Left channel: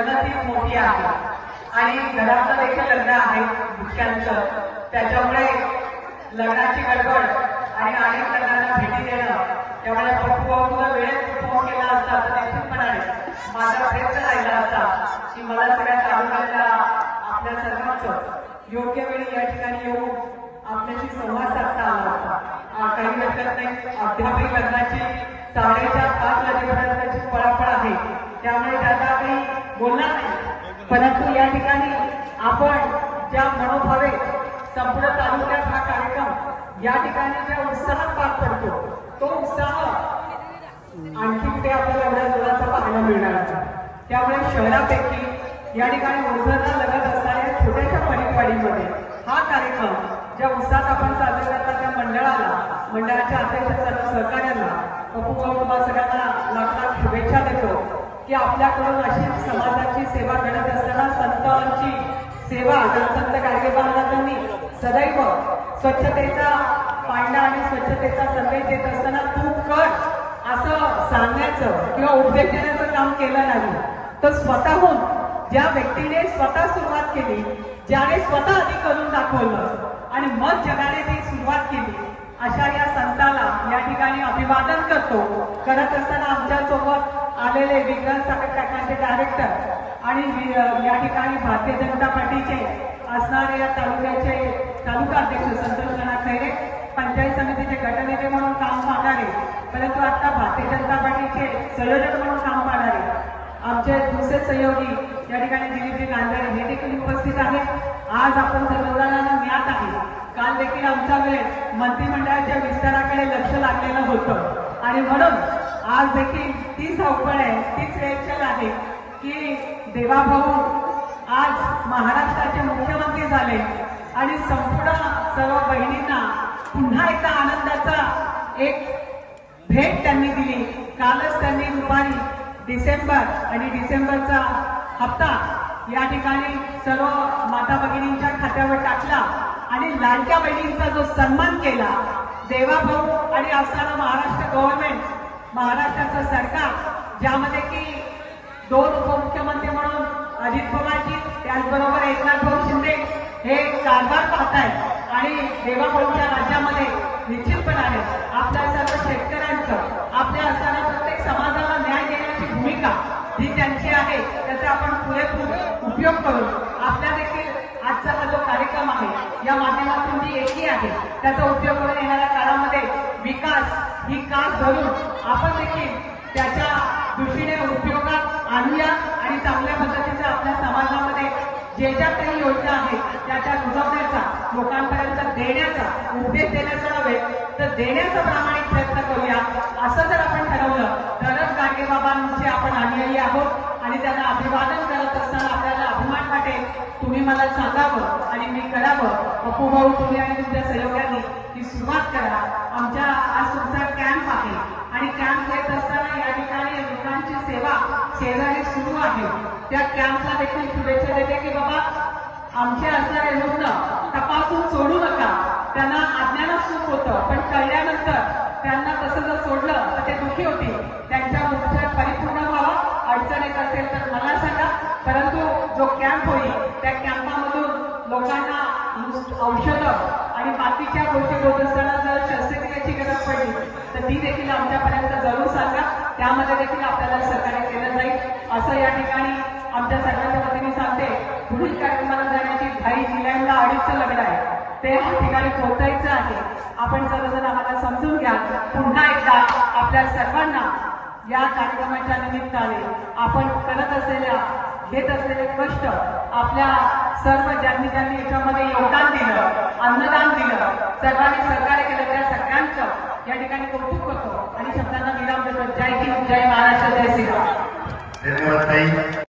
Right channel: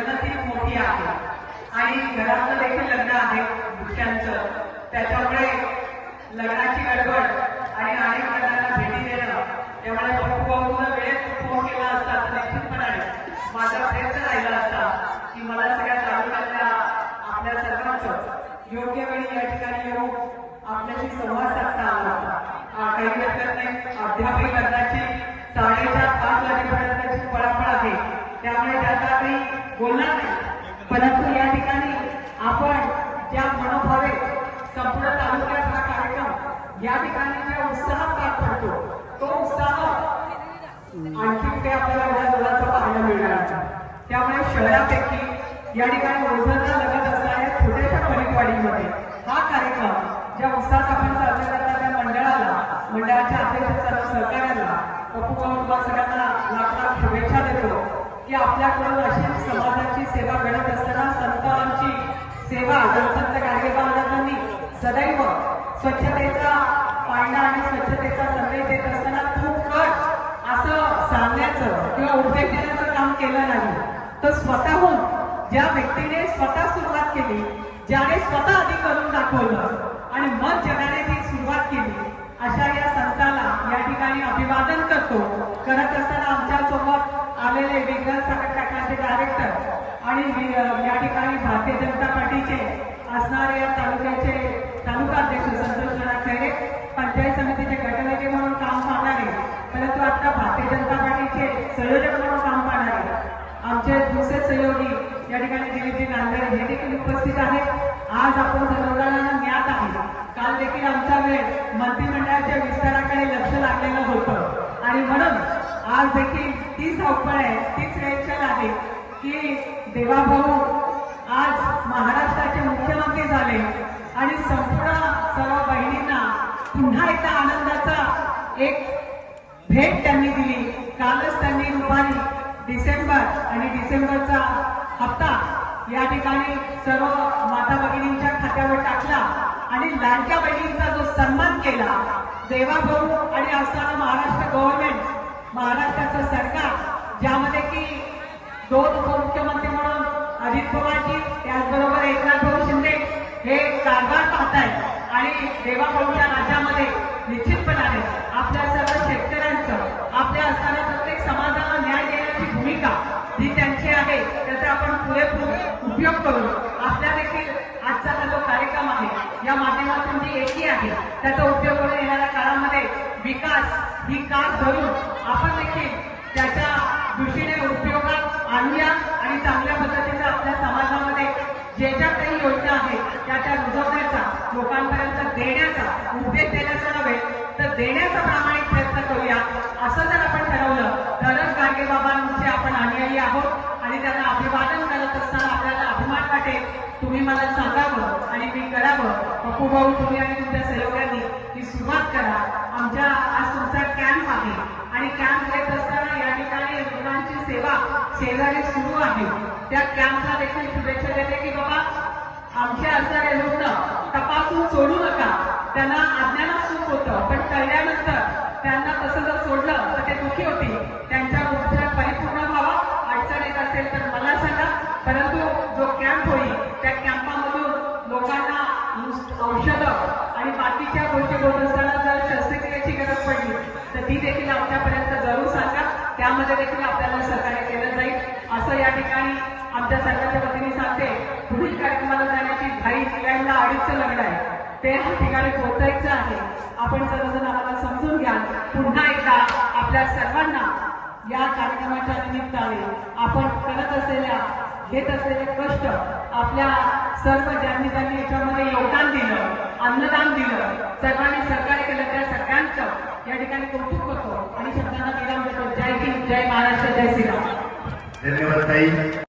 रणनीती मोठी आहे. आणि घरातलं देखील लग्न आहे मुख्यांचं त्याच्यामुळे लग्नाची गडबड आणि अनेक लग्नांना भेटी देणं त्यामुळे पप्पू वेळेत फोन केला असता तर निश्चितपणाने माझा प्रयत्न राहिला असता की मला सगळ्या तालुक्यातल्या आपल्या सर्वांचं योग्य वेळी या ठिकाणी येऊन आपल्याशी संवाद साधता आला असता काही हरकत नाही. अध्यापक लग्नाची साडेच्या पाच वाजेपर्यंतची पळापळ आहे. त्यामुळे त्याचा काही बोलणार नाही परंतु या ठिकाणी आपण ज्या मनोभावे संपूर्ण तालुक्यात हा कार्यक्रम या ठिकाणी ज्या उत्साहात पार पडतो तो उत्साह आणखी कुठे आपल्याला एवढ्या जोराचा पाहायला मिळणार त्यामुळे शहरापैकी या ठिकाणी ओझरला लगत असणाऱ्या छोट्याशा परिपाडीमध्ये हा कार्यक्रम ज्या उत्साहात आपण साजरा करता त्या मंडळाला मंडळाच्या अध्यक्ष सर्व सहकार्याला पप्पू भाऊ तुम्हाला सगळ्यांना लाख लाख शुभेच्छा देतो. की आपल्याकडून अशी समाजाची सेवा घडत असताना संतांची सेवा संत गाडगे महाराजांनी सदैव स्वच्छतेचा पाळणा आणि स्वच्छतेचा संदेश देत असताना तू कर असं सांगण्याचं किंवा उपदेश देण्याचं काम केलं नाही. तर स्वतःहून ज्या व्यक्तीने स्वतः सुरुवात केली ज्याने स्वतः आधी करून दाखवलं आणि मग जगाने ती सुरुवात केली अशा या संताला या ठिकाणी अभिवादन करतो. करत असताना आमच्या आलेले विग्रह संघटनाचे डायरेक्टर आणि या ठिकाणी भारतीय जनता पार्टीचे असणारे या तालुक्याचे तालुका अध्यक्ष संतोष नाना खैरे पंचायत समितीचे गटनेते म्हणून काम पाहणारे परंतु आता भारतीय जनता पार्टीचे संयोजक म्हणून काम पाहणारे आमचे दुसरे सहयोगी या ठिकाणी दिलीपजी नांदेड हे देखील उपस्थित आहेत. आज आपण सर्वजणांना ज्ञात आहे काल देखील आमचा वेळ मंत्रिमंडळाच्या विस्ताराकडे लक्ष लागलेलं होतं. आणि म्हणून आज देखील ती धावपळ आहे तीच वेळ आहे की देवाभाऊ आज महाराष्ट्राचे मुख्यमंत्री झाले आणि संपूर्ण सर्व बहिणींना पुन्हा एकदा आनंदाचा एक भेट त्यांनी दिली. कालच त्यांनी दुपारी डिसेंबर आणि डिसेंबरचा हप्ता या ठिकाणी सर्व माता भगिनींच्या खात्यावर टाकला आणि लाडक्या बहिणींचा जो सन्मान केला देवाभाऊ आणि असणारं महाराष्ट्र गव्हर्नमेंट महाराष्ट्राचं सरकार ज्यामध्ये की दोन उपमुख्यमंत्री म्हणून अजित पवारजी त्याचबरोबर एकनाथ भाऊ शिंदे हे कारभार पाहतायत. आणि देवाभाऊच्या राज्यामध्ये निश्चितपणाने आपल्या सर्व शेतकऱ्यांचं आपल्या असणाऱ्या प्रत्येक समाजाला न्याय देण्याची भूमिका ही त्यांची आहे. त्याचा आपण पुरेपूर उपयोग करून आपल्या देखील आजचा हा जो कार्यक्रम आहे या माध्यमातून जी एकी आहे त्याचा उपयोग करून येणाऱ्या काळामध्ये विकास ही कास धरून आपण देखील त्याच्या दृष्टीने उपयोगात आणूया आणि चांगल्या पद्धतीचा आपल्या समाजामध्ये जे ज्या काही योजना आहेत त्या त्या रुजवण्याचा लोकांपर्यंत देण्याचा उपदेश देण्याचा नव्हे तर देण्याचा प्रामाणिक प्रयत्न करूया. असं जर आपण ठरवलं तरच गाडगेबाबांची आपण अनुयायी आहोत आणि त्यांना अभिवादन करत असताना आपल्याला अभिमान वाटेल. तुम्ही मला सांगावं आणि मी करावं. पप्पू भाऊ तुम्ही आणि तुमच्या सहयोगांनी ही सुरुवात करा. आमच्या आज तुमचा कॅम्प आहे. आणि कॅम्प घेत असताना या ठिकाणी रुग्णांची सेवा शेजारी सुरू आहे. त्या कॅम्पला देखील शुभेच्छा देते की बाबा आमचे असणारे रुग्ण तपासून सोडू नका. त्यांना अज्ञानच सुख होतं पण कळल्यानंतर त्यांना तसं जर सोडलं तर ते दुखी होती. त्यांच्या उपचार परिपूर्ण व्हावा अडचण येत असेल तर मला सांगा. परंतु जो कॅम्प होईल त्या कॅम्पामधून लोकांना औषधं आणि बाकीच्या गोष्टी होत असताना जर शस्त्रक्रियेची गरज पडली तर ती देखील आमच्यापर्यंत जरूर सांगा. त्यामध्ये देखील आपल्याला सहकार्य केलं जाईल. असं या ठिकाणी आमच्या सर्वांच्या वतीने सांगते पुढील कार्यक्रमाला जाण्याची घाई जिल्ह्यांना अडीचचं लग्न आहे. ते ह्या ठिकाणी पोहोचायचं आहे. आपण सर्वजण आम्हाला समजून घ्या पुन्हा एकदा आपल्या सर्वांना या कार्यक्रमाच्या निमित्ताने आपण करत असलेल्या घेत असलेले कष्ट आपल्या सर्व ज्यांनी ज्यांनी याच्यामध्ये योगदान दिलं अन्नदान दिलं सर्वांनी सहकार्य केलं त्या सगळ्यांचं या ठिकाणी कौतुक करतो. आणि शब्दांना विराम देतो. जय हिंद जय महाराष्ट्र जय श्रीराम. धन्यवाद